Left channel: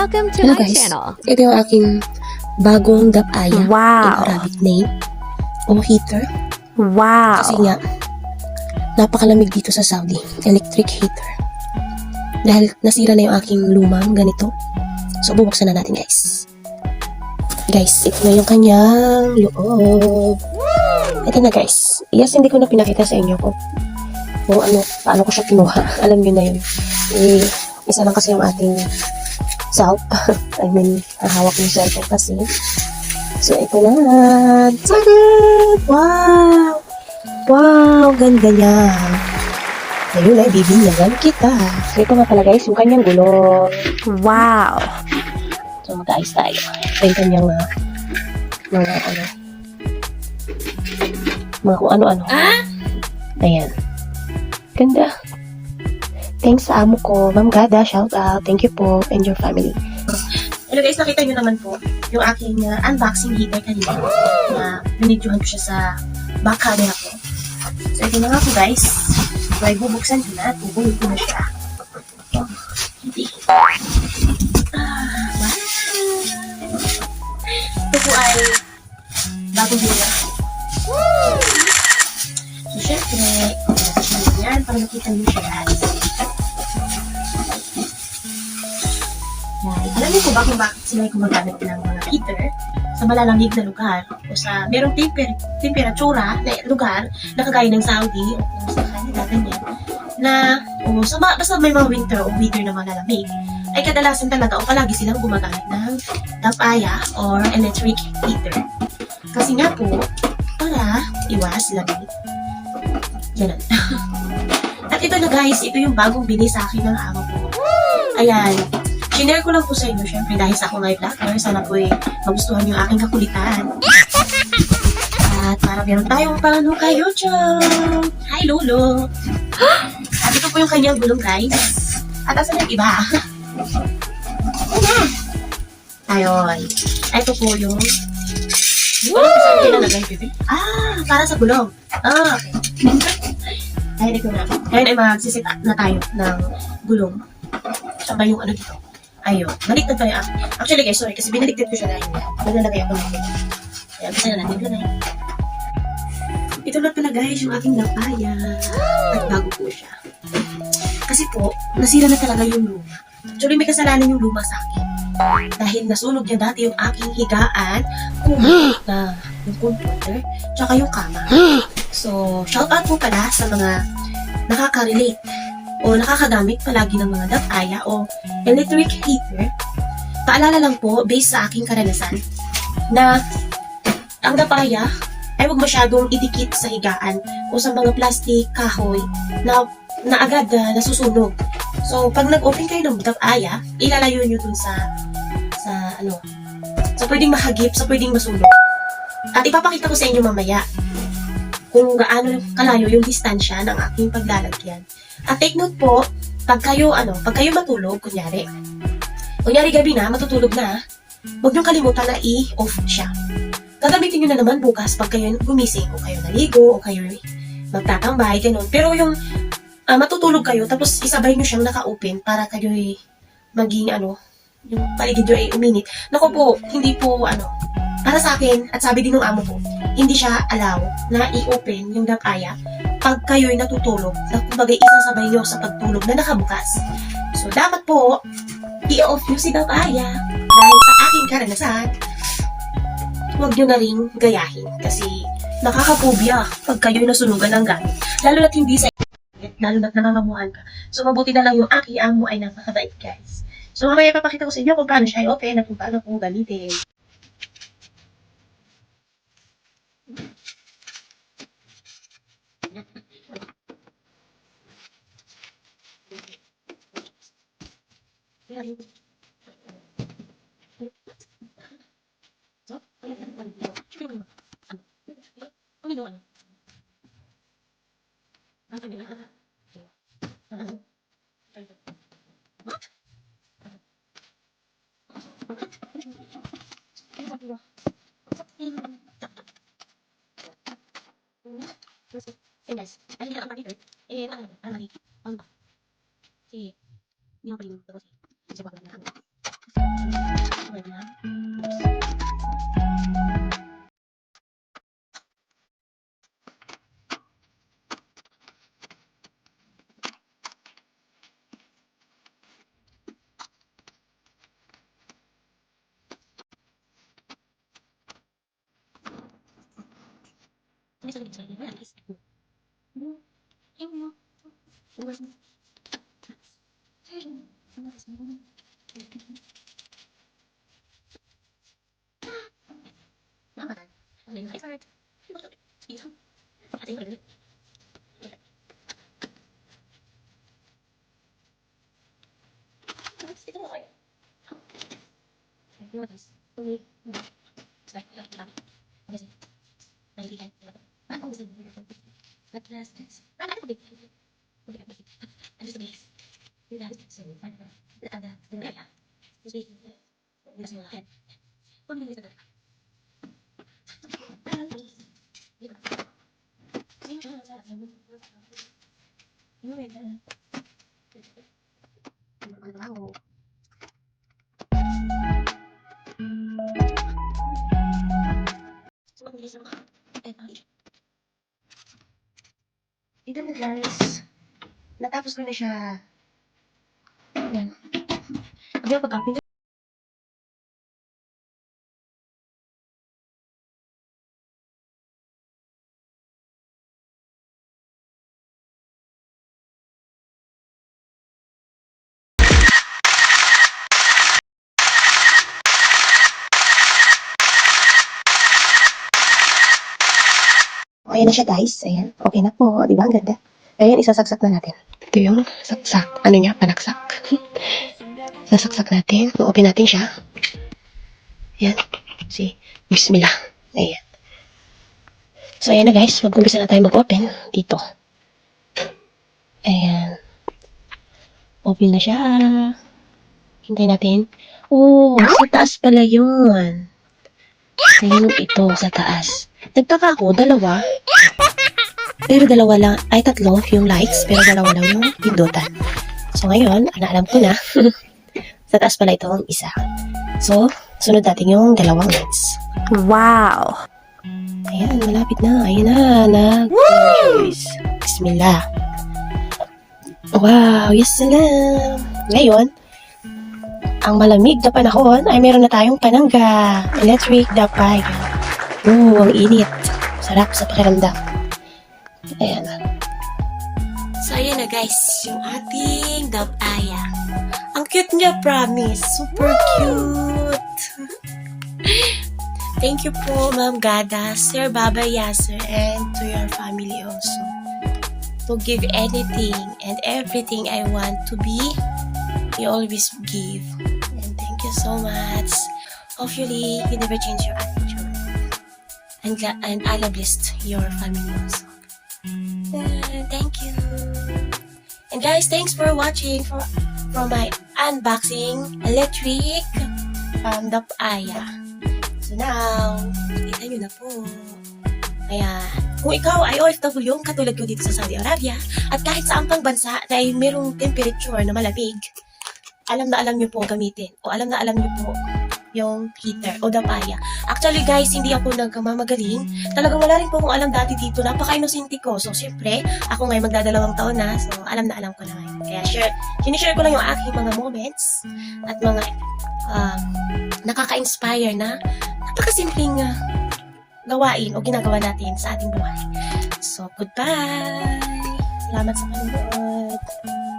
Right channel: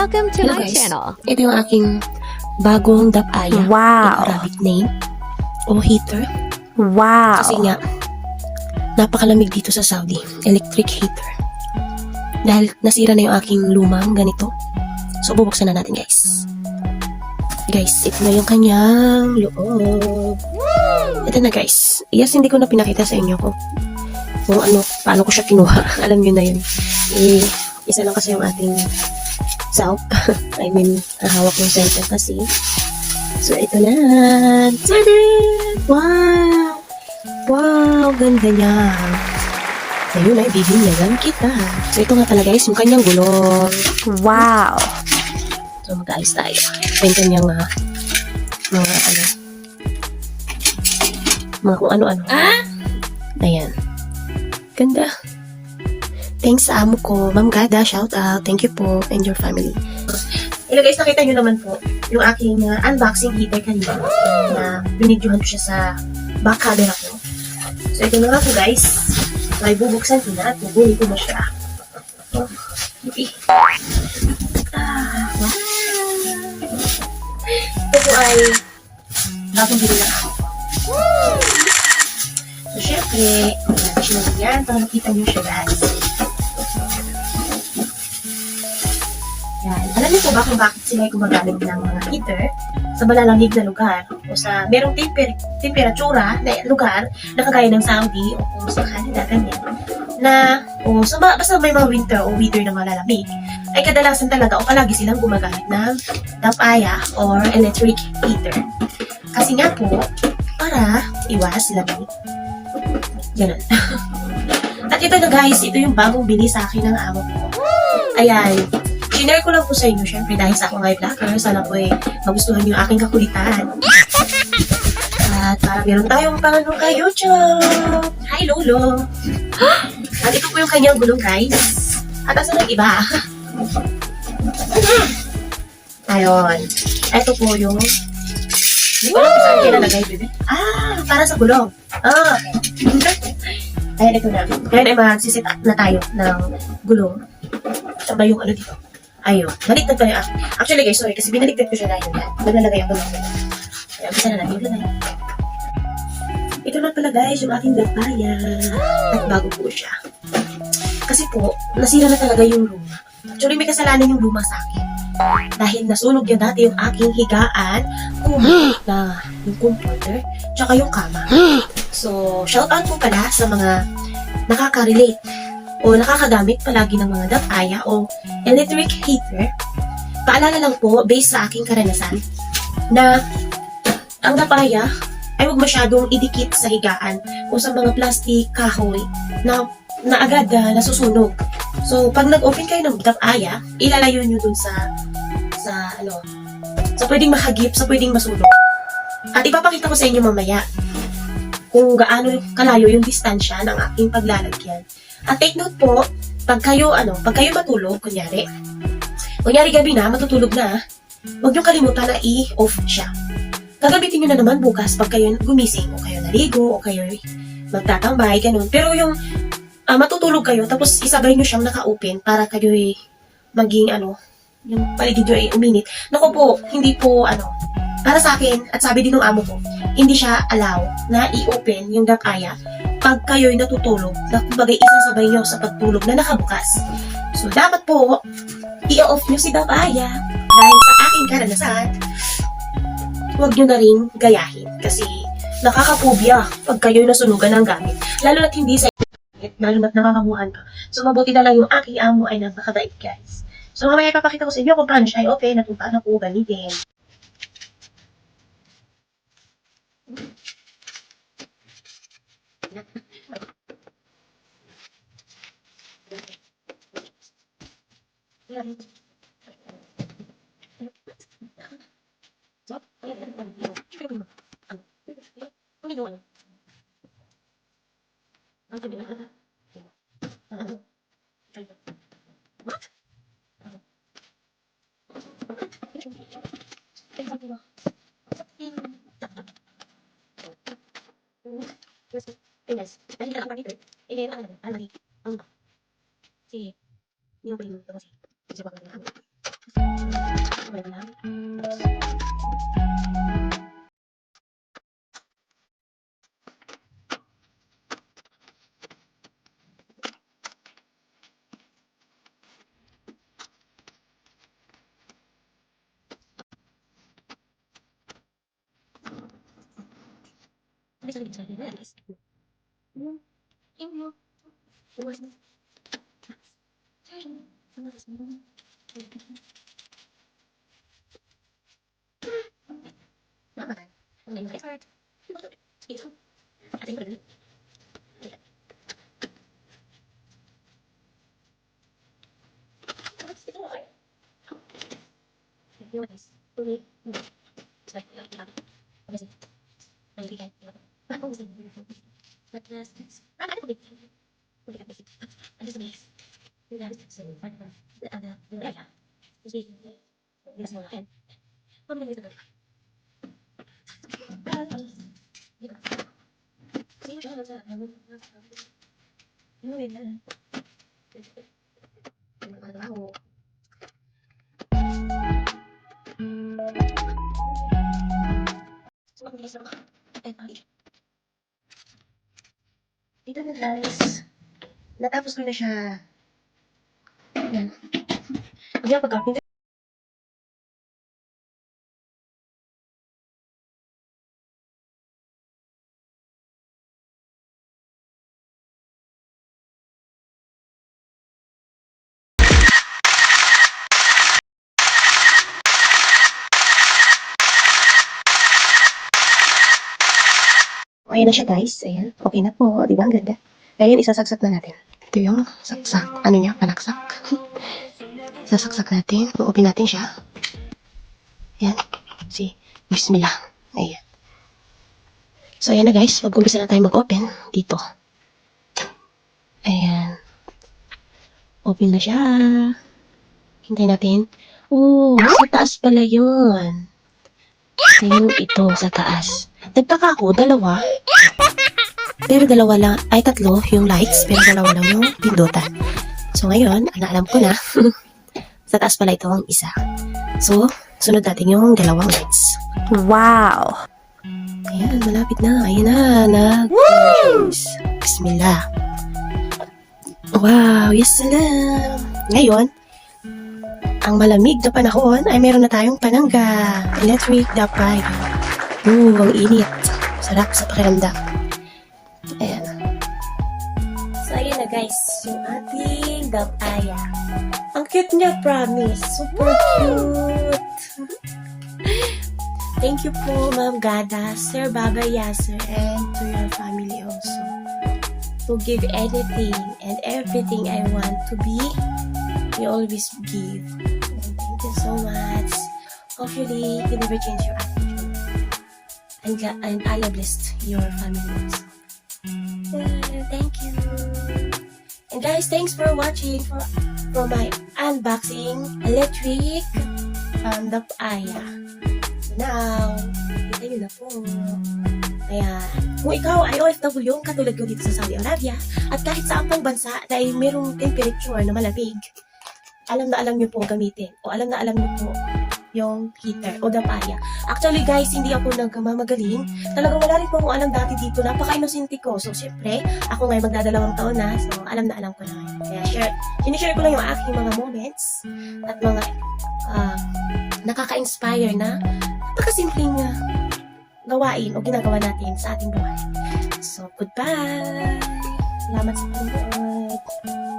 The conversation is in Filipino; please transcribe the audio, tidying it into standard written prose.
Welcome to Hello my guys, channel. ito yung aking bagong dapaya. Wow. Yung Arabic name. O heater. Wow. Kasi nga, napakalamig dito sa Saudi. Electric heater. Dahil nasira na yung aking lumang ganito. So, bubuksan na natin guys. Guys, ito na yung kanyang loob. Ito na guys. Yes, hindi ko na pinakita sa inyo kung paano ko siya kinuha. Alam nyo na yun. Isa lang kasi yung ating self. I mean, hahawak yung cellphone kasi. So, ito na. Tada! Wow! Wow! Ganda niya. Ayun ay, bibinyagan kita. So, ito nga pala guys, yung kanyang gulong. Wow. So, mag-ayos tayo. Ito niyang mga kung ano-ano. Ayan. Ganda. Thanks sa amo ko. Ma'am Gada, shout out. Thank you po and your family. Hello guys, nakita nyo naman po yung aking unboxing heater kanina na binidyohan ko siya sa back camera ko. So, ito na nga po guys. May bubuksan ko na at bubuli ko na siya. Oh, hindi. Wow. Ito po ay bagong bula. So, syempre, natin yan para makita nyo siya guys. Yan. Alam niyo po ba kung bakit sila ay gumagamit ng mga heater sa malalamig na lugar o sa merong temperatura na lugar na kagaya ng Saudi o sa Canada, ganyan, na basta may mga winter o weather na malalamig, ay kadalasan talaga o palagi silang gumagamit ng dapaya or electric heater. Kasi nga po, para iwas lamig. Ganun. At ito na guys, ito yung bagong bili sa akin ng amo ko. Ayan. Shinare ko lang po sa inyo, syempre dahil sa akong vlogger, sana po magustuhan yung aking kakulitan. At para meron tayong pano kay YouTube. Hi Lolo! At ito po yung kanyang gulong guys. At asan yung iba? Ayun. Ito po yung saan nilalagay, bebe? Para sa gulong. Ayan, ito na. Ngayon ay magsisit na tayo ng gulong. Saba yung ano dito. Ayun. Baliktad pa yung actually guys, sorry, kasi binaliktad ko siya dahil nalalagay ako ng kaya bisa na natin ilagay. Ito na pala guys, yung aking dapaya. At bago po siya. Kasi po, nasira na talaga yung luma. Actually, may kasalanan yung luma sa akin. Dahil nasunog niya dati yung aking higaan, na yung computer, tsaka yung kama. So, shout out po pala sa mga nakaka-relate o nakakagamit palagi ng mga dapaya o electric heater. Paalala lang po, based sa aking karanasan, na ang dapaya ay huwag masyadong idikit sa higaan o sa mga plastic kahoy na agad nasusunog. So, pag nag-open kayo ng dapaya, ilalayo nyo dun sa pwedeng mahagip, sa pwedeng masunog. At ipapakita ko sa inyo mamaya kung gaano kalayo yung distansya ng aking paglalagyan. At take note po, pag kayo matulog, kunyari gabi na, matutulog na, huwag niyong kalimutan na i-off siya. Gagamitin niyo na naman bukas pag kayo gumising, o kayo naligo, o kayo magtatambay, ganun. Pero yung matutulog kayo, tapos isabay niyo siyang naka-open para kayo maging yung paligid nyo ay uminit. Naku po, hindi po para sa akin, at sabi din ng amo ko, hindi siya allow na i-open yung dapaya pag kayo'y natutulog, na kumbaga isasabay nyo sa pagtulog na nakabukas. So, dapat po, i-off nyo si dapaya. Dahil sa aking karanasan, huwag nyo na rin gayahin. Kasi, nakakapubya pag kayo'y nasunugan ng gamit. Lalo na't hindi sa lalo na't nakakabuhan ka. So, mabuti na lang yung aking amo ay napakabait, guys. So, mamaya papakita ko sa inyo kung paano siya i-open at kung paano po gamitin. Guys, ay hindi lang ang dito. Si, yung primo ko kasi. Kasi wag na. Dito na guys. Natapos ko na siya. Ayan. Hindi ako pag-upin. Ayan na siya guys. Ayan. Okay na po. Di ba? Ang ganda. Ayan, isasaksak na natin. Ito yung saksak. Ano niya? Panaksak. Sasaksak natin. Open natin siya. Ayan. See? Bismillah. Ayan. So, ayan na guys. Mag-umpisa na tayo mag-open. Dito. Ayan. Open na siya. Hintay natin. Oh, sa taas pala yun. Ayan ito sa taas. Nagtaka ako, dalawa. Pero dalawa lang, ay tatlo yung lights, pero dalawa lang yung pindutan. So ngayon, alam ko na, sa taas pala ito ang isa. So, sunod natin yung dalawang lights. Wow! Ayan, malapit na. Ayan na, guys. Bismillah. Wow, yes salam. Ngayon, ang malamig na panahon ay meron na tayong panangga. Electric dapay. Oh, ang init. Sarap sa pakiramdam. Ayan. So, ayan na guys. Yung ating dapaya. Ang cute niya, promise. Super cute. Thank you po, Ma'am Gada, Sir Baba Yasser, and to your family also. To give anything and everything I want to be, you always give. And thank you so much. Hopefully, you never change your attitude. And I love your family also. Thank you. And guys, thanks for watching for my unboxing electric dapaya. So now, kita nyo na po. Ayan. Kung ikaw ay OFW, katulad ko dito sa Saudi Arabia, at kahit saan pang bansa na ay mayroong temperature na malamig, alam na alam nyo po gamitin. O alam na alam nyo po yung heater o dapaya. Actually guys, hindi ako nagmamagaling. Talaga wala rin po akong alam dati dito. Napaka-inosente ko. So syempre, ako ngayon magdadalawang taon na. So alam na alam ko na ngayon. Kaya sinishare ko lang yung aking mga moments at mga nakaka-inspire na napakasimpleng gawain o ginagawa natin sa ating buhay. So goodbye! Salamat sa panonood!